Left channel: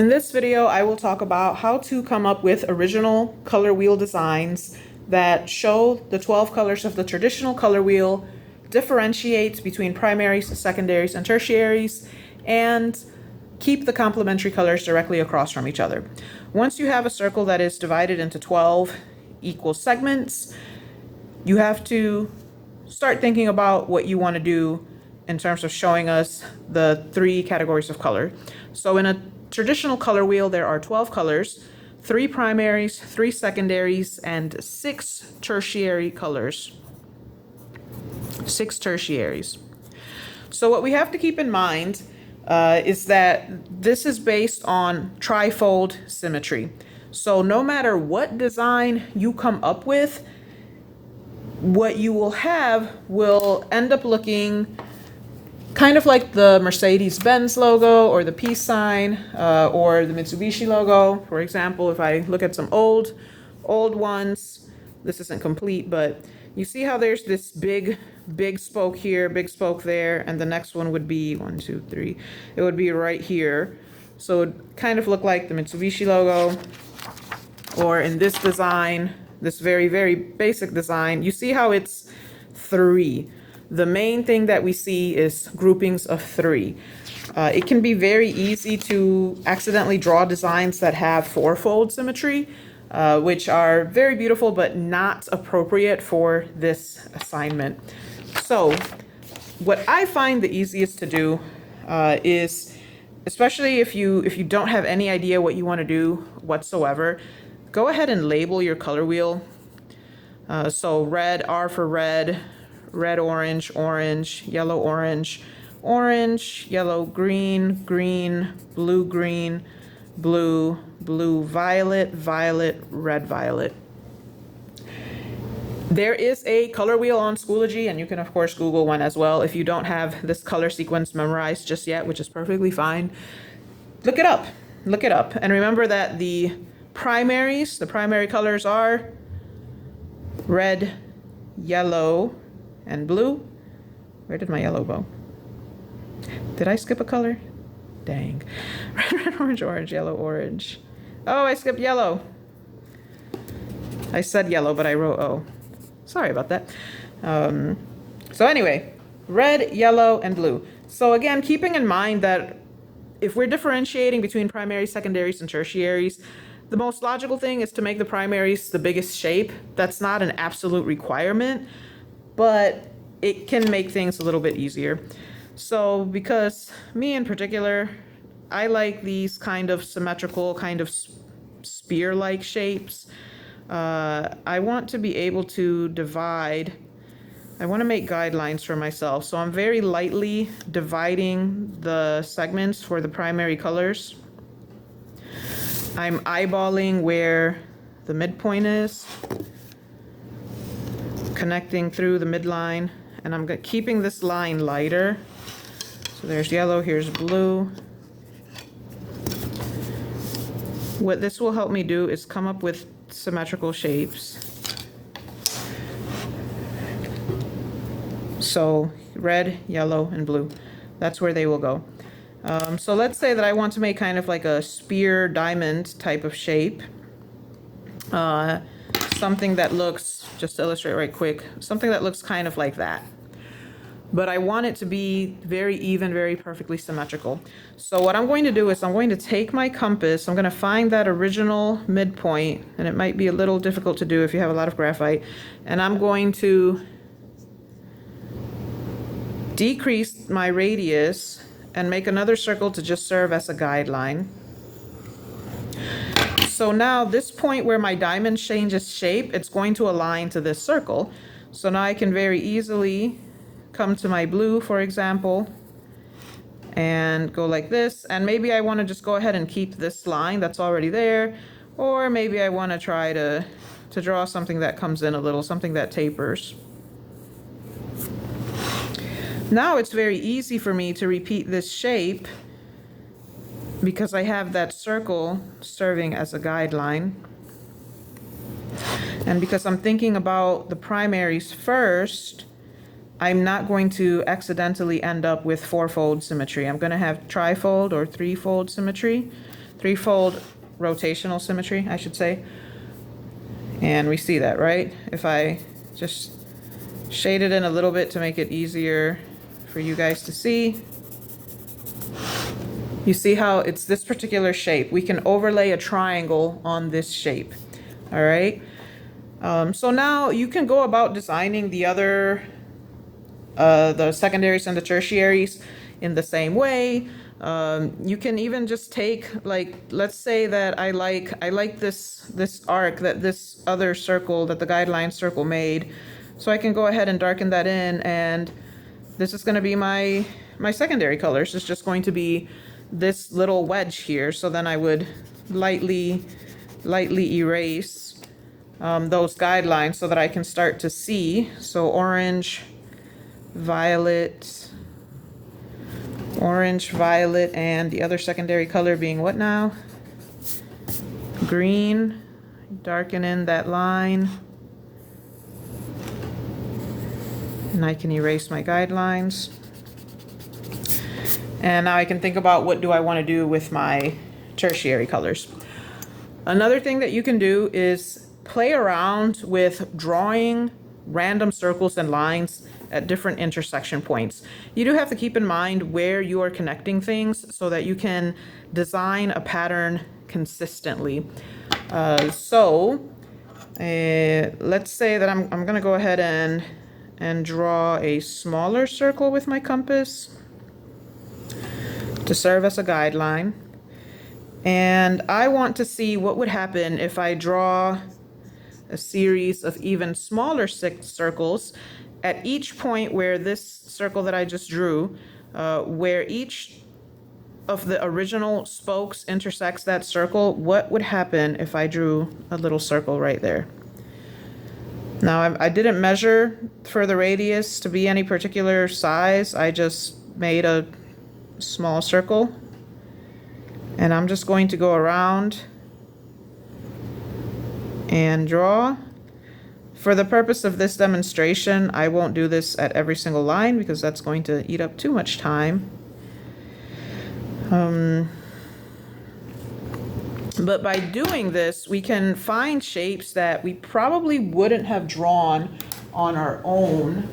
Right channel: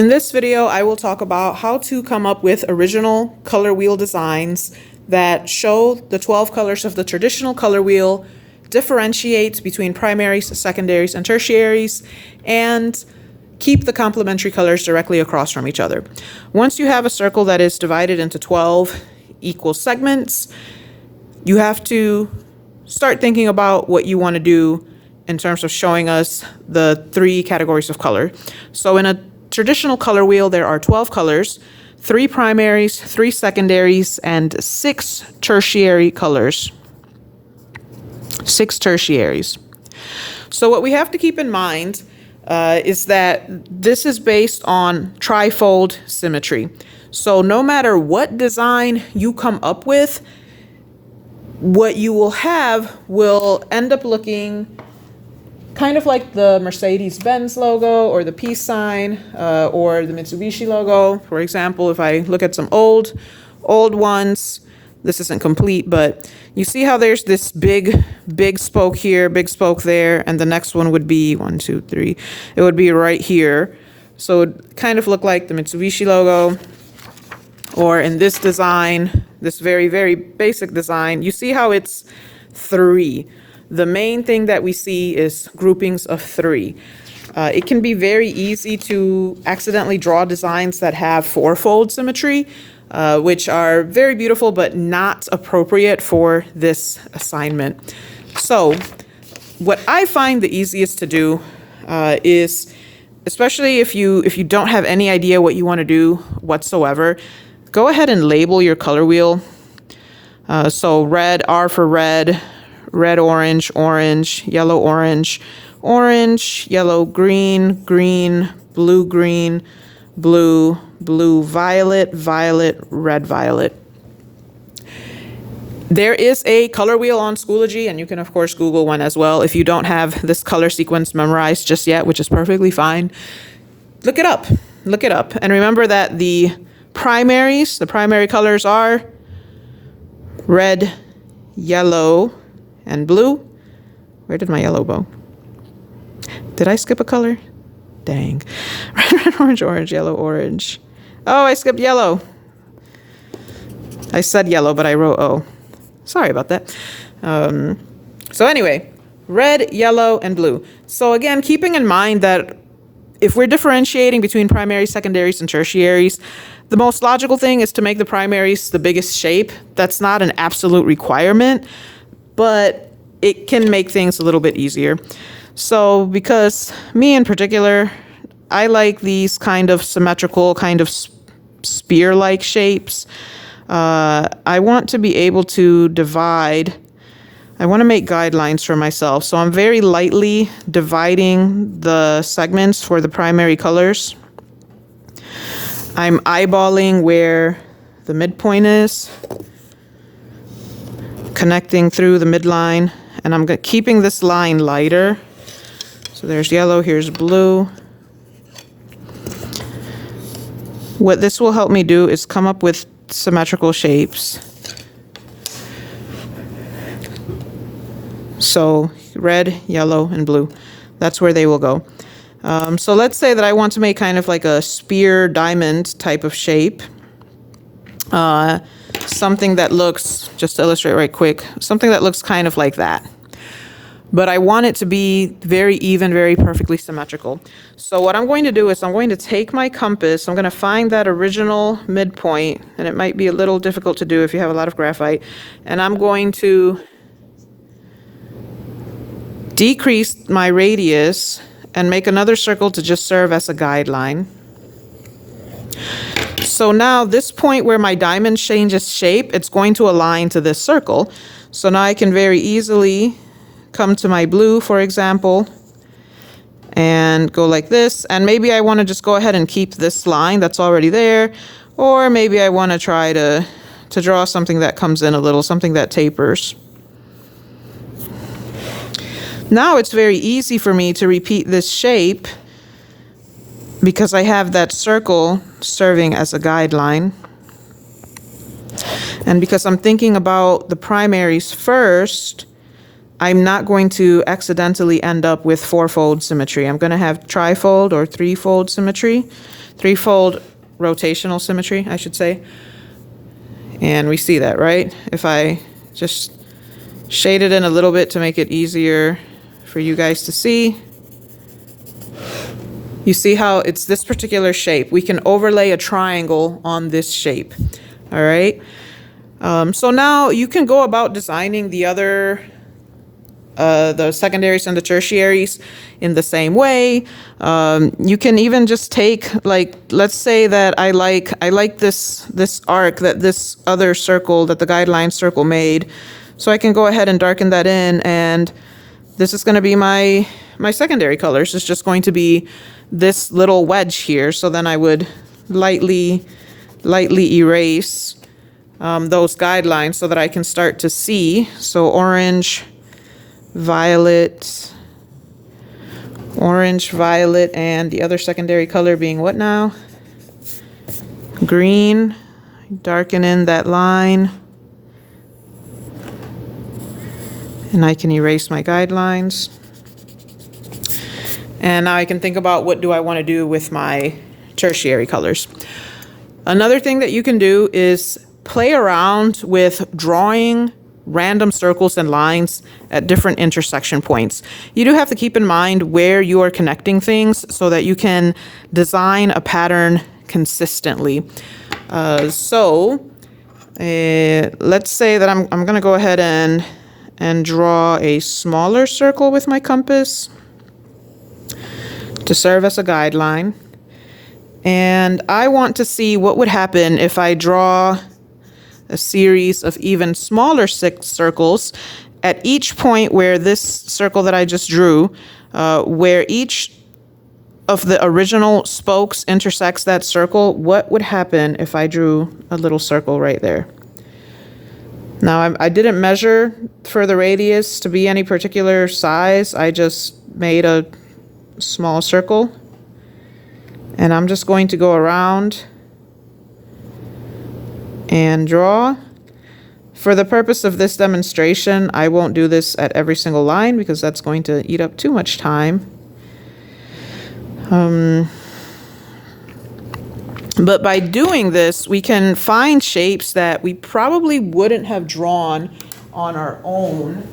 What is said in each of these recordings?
In this video, I will talk about how to come up with original color wheel designs that show the 12 colors of the traditional color wheel, differentiate between primaries, secondaries, and tertiaries, and keep the complementary colors directly across from each other. Once you have a circle that is divided into 12 equal segments, you have to start thinking about what you want to do in terms of showing us the three categories of color. So in a traditional color wheel, there are 12 colors, 3 primaries, 3 secondaries, and 6 tertiary colors. 6 tertiaries. So what we have to keep in mind is that this is based on trifold symmetry. So no matter what design you come up with, what you will have will end up looking kind of like the Mercedes-Benz logo or the peace sign or the Mitsubishi logo. For example, if I look at some old ones, this isn't complete, but you see how there's this big spoke here, big spoke there, and the next one would be 1, 2, 3. It would be right here. So it would kind of look like the Mitsubishi logo. Or in this design, this very, very basic design, you see how it's 3. The main thing that we see is groupings of 3. It can be very easy to accidentally draw designs that have 4-fold symmetry, which are very beautiful but not appropriate for this assignment. So what I find the easiest to do is, especially if you don't have any idea what you want to do whatsoever, go ahead and label your color wheel. So red, R for red, red, orange, orange, yellow, orange, orange, yellow, green, green, blue, green, blue, blue, violet, violet, red, violet. There is a color wheel on Schoology, and you can of course Google one as well if you don't have this color sequence memorized just yet, which is perfectly fine. Look it up. And remember that the primary colors are red, yellow, and blue. Where did my yellow go? Did I skip a color? Dang. Red, orange, orange, yellow, orange. Oh, I skipped yellow. I said yellow, but I wrote O. Sorry about that. So anyway, red, yellow, and blue. So again, keeping in mind that if we're differentiating between primaries, secondaries, and tertiaries, the most logical thing is to make the primaries the biggest shape. That's not an absolute requirement, but it can make things a little bit easier. So because me in particular, I like these kind of symmetrical, kind of spear-like shapes. I want to be able to divide. I want to make guidelines for myself. So I'm very lightly dividing the segments for the primary colors. I'm eyeballing where the midpoint is, connecting through the midline, and I'm keeping this line lighter. So there's yellow, here's blue. What this will help me do is come up with symmetrical shapes. So red, yellow, and blue. That's where they will go. So let's say that I want to make kind of like a spear diamond type of shape. Something that looks, just to illustrate right quick, something that looks kind of like that. But I want it to be very even, very perfectly symmetrical. So what I'm going to do is I'm going to take my compass, I'm going to find that original midpoint, and it might be a little difficult to do if you have a lot of graphite, and I'm going to decrease my radius and make another circle to just serve as a guideline. So now this point where my diamond changes shape, it's going to align to this circle. So now I can very easily come to my blue, for example, and go like this. And maybe I want to just go ahead and keep this line that's already there. Or maybe I want to try to draw something that comes in a little, something that tapers. Now it's very easy for me to repeat this shape because I have that circle serving as a guideline. And because I'm thinking about the primaries first, I'm not going to accidentally end up with four-fold symmetry. I'm going to have trifold or threefold symmetry, threefold rotational symmetry, I should say. And we see that, right? If I just shade it in a little bit to make it easier for you guys to see. You see how it's this particular shape. We can overlay a triangle on this shape, all right? So now you can go about designing the other, the secondaries and the tertiaries in the same way. You can even just take, like, let's say that I like this arc that this other circle, that the guideline circle made. So I can go ahead and darken that in, and this is going to be my secondary colors. It's just going to be this little wedge here. So then I would lightly erase those guidelines so that I can start to see. So orange, violet, and the other secondary color being what now? Green. Darken in that line. And I can erase my guidelines. And now I can think about what do I want to do with my tertiary colors. Another thing that you can do is play around with drawing random circles and lines at different intersection points. You do have to keep in mind where you are connecting things so that you can design a pattern consistently. Let's say that I'm going to go ahead and draw a smaller circle with my compass to serve as a guideline. And I want to see what would happen if I draw a series of even smaller circles at each point where this circle that I just drew, where each of the original spokes intersects that circle. What would happen if I drew a little circle right there? Now, I didn't measure for the radius to be any particular size. I just made a small circle. And I'm just going to go around and draw. For the purpose of this demonstration, I won't do this at every single line because that's going to eat up too much time. But by doing this, we can find shapes that we probably wouldn't have drawn on our own.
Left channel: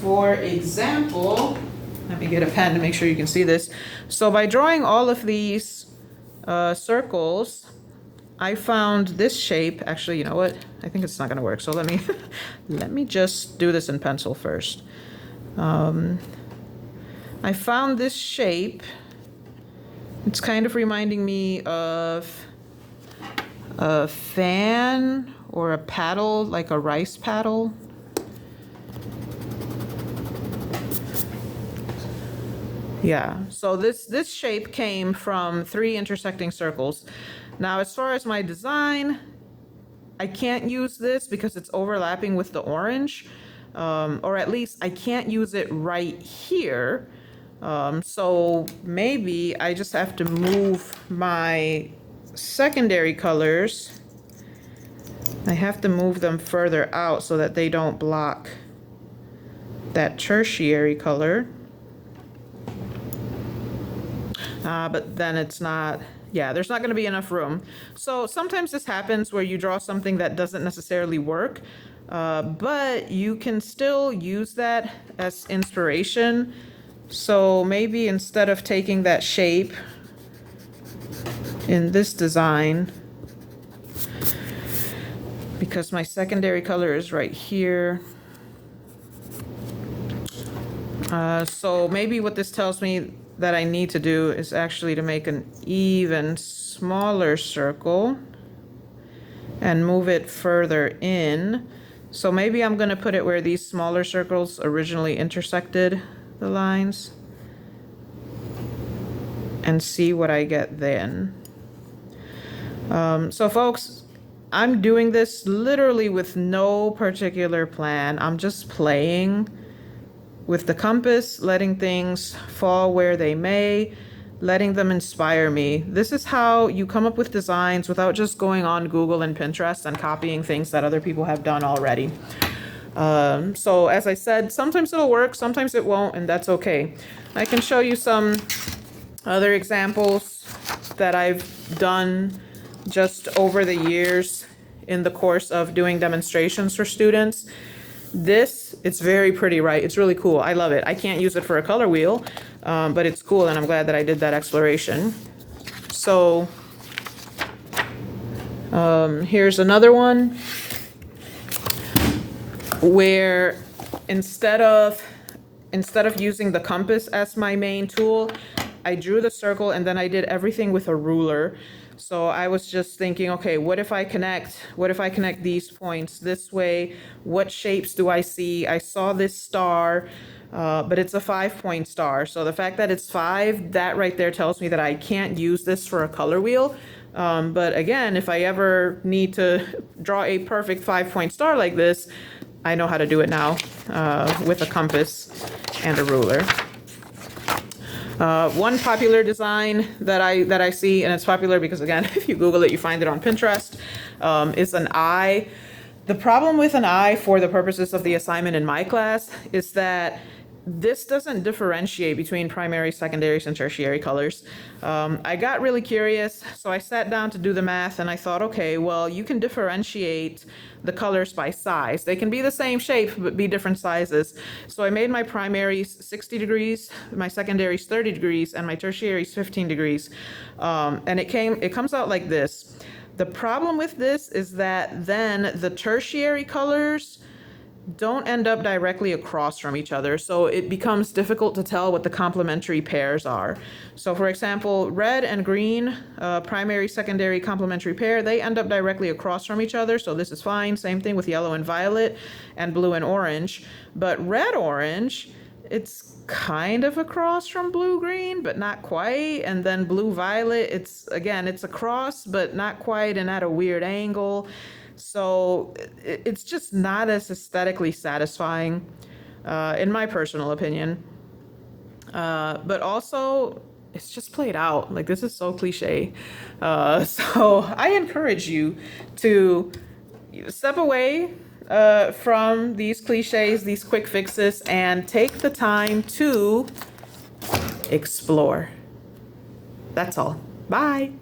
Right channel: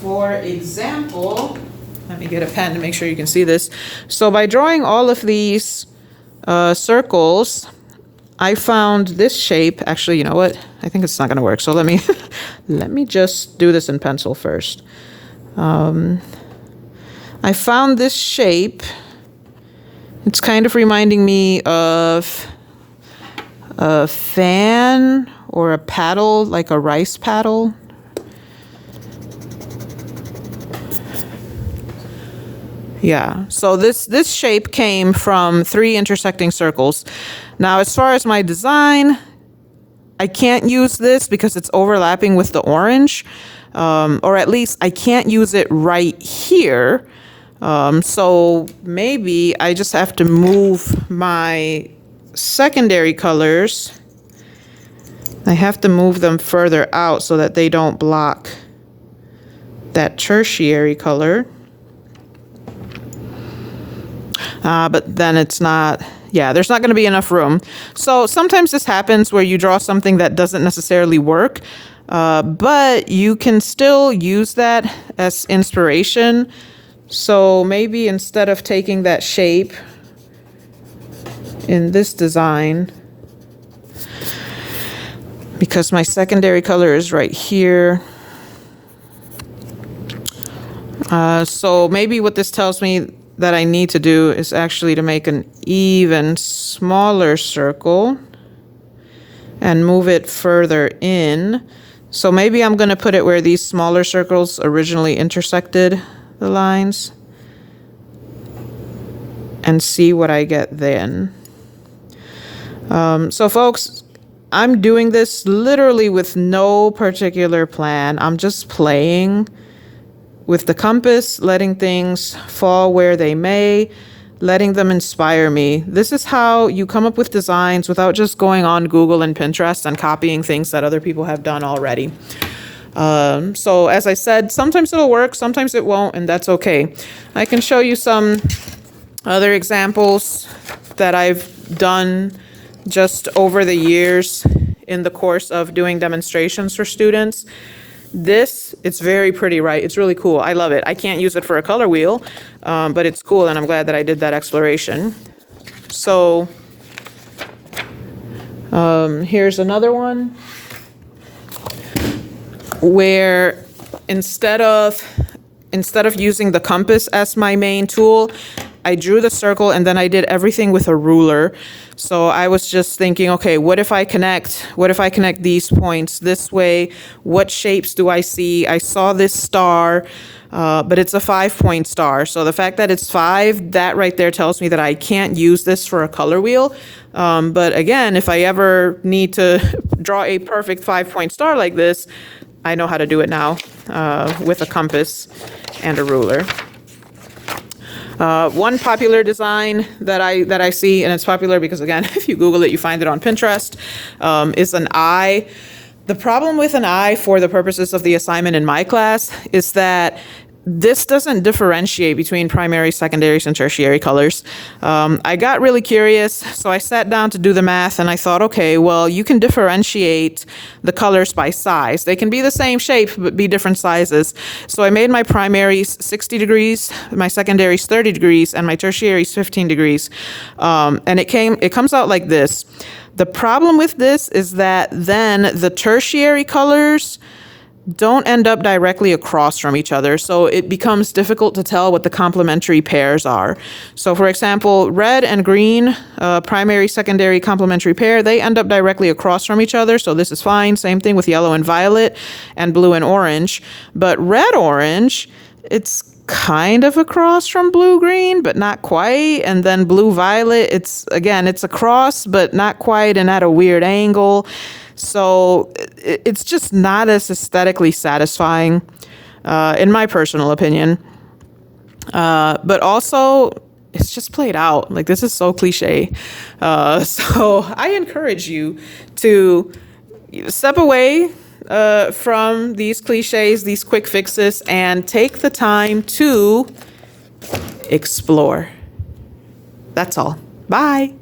For example, let me get a pen to make sure you can see this. So by drawing all of these circles, I found this shape. Actually, you know what? I think it's not going to work. So let me let me just do this in pencil first. I found this shape. It's kind of reminding me of a fan or a paddle, like a rice paddle. Yeah, so this shape came from 3 intersecting circles. Now, as far as my design, I can't use this because it's overlapping with the orange, or at least I can't use it right here. So maybe I just have to move my secondary colors. I have to move them further out so that they don't block that tertiary color. But then it's not, yeah, there's not going to be enough room. So sometimes this happens where you draw something that doesn't necessarily work, but you can still use that as inspiration. So maybe instead of taking that shape in this design, because my secondary color is right here. So maybe what this tells me that I need to do is actually to make an even smaller circle and move it further in. So maybe I'm going to put it where these smaller circles originally intersected the lines and see what I get then. So folks, I'm doing this literally with no particular plan. I'm just playing with the compass, letting things fall where they may, letting them inspire me. This is how you come up with designs without just going on Google and Pinterest and copying things that other people have done already. So as I said, sometimes it'll work, sometimes it won't, and that's okay. I can show you some other examples that I've done just over the years in the course of doing demonstrations for students. This, it's very pretty, right? It's really cool. I love it. I can't use it for a color wheel, but it's cool, and I'm glad that I did that exploration. So here's another one where instead of using the compass as my main tool, I drew the circle and then I did everything with a ruler. So I was just thinking, okay, what if I connect these points this way? What shapes do I see? I saw this star, but it's a 5-point star. So the fact that it's 5, that right there tells me that I can't use this for a color wheel. But again, if I ever need to draw a perfect 5-point star like this, I know how to do it now with a compass and a ruler. One popular design that I see, and it's popular because, again, if you Google it, you find it on Pinterest, is an eye. The problem with an eye for the purposes of the assignment in my class is that this doesn't differentiate between primary, secondaries, and tertiary colors. I got really curious, so I sat down to do the math, and I thought, okay, well, you can differentiate the colors by size. They can be the same shape, but be different sizes. So I made my primaries 60 degrees, my secondaries 30 degrees, and my tertiaries 15 degrees. And it comes out like this. The problem with this is that then the tertiary colors don't end up directly across from each other, so it becomes difficult to tell what the complementary pairs are. So for example, red and green, primary, secondary complementary pair, they end up directly across from each other, so this is fine. Same thing with yellow and violet and blue and orange. But red-orange, it's kind of across from blue-green, but not quite. And then blue-violet, it's across, but not quite and at a weird angle. So it's just not as aesthetically satisfying, in my personal opinion. But also, it's just played out. Like, this is so cliche. So I encourage you to step away from these cliches, these quick fixes, and take the time to explore. That's all. Bye.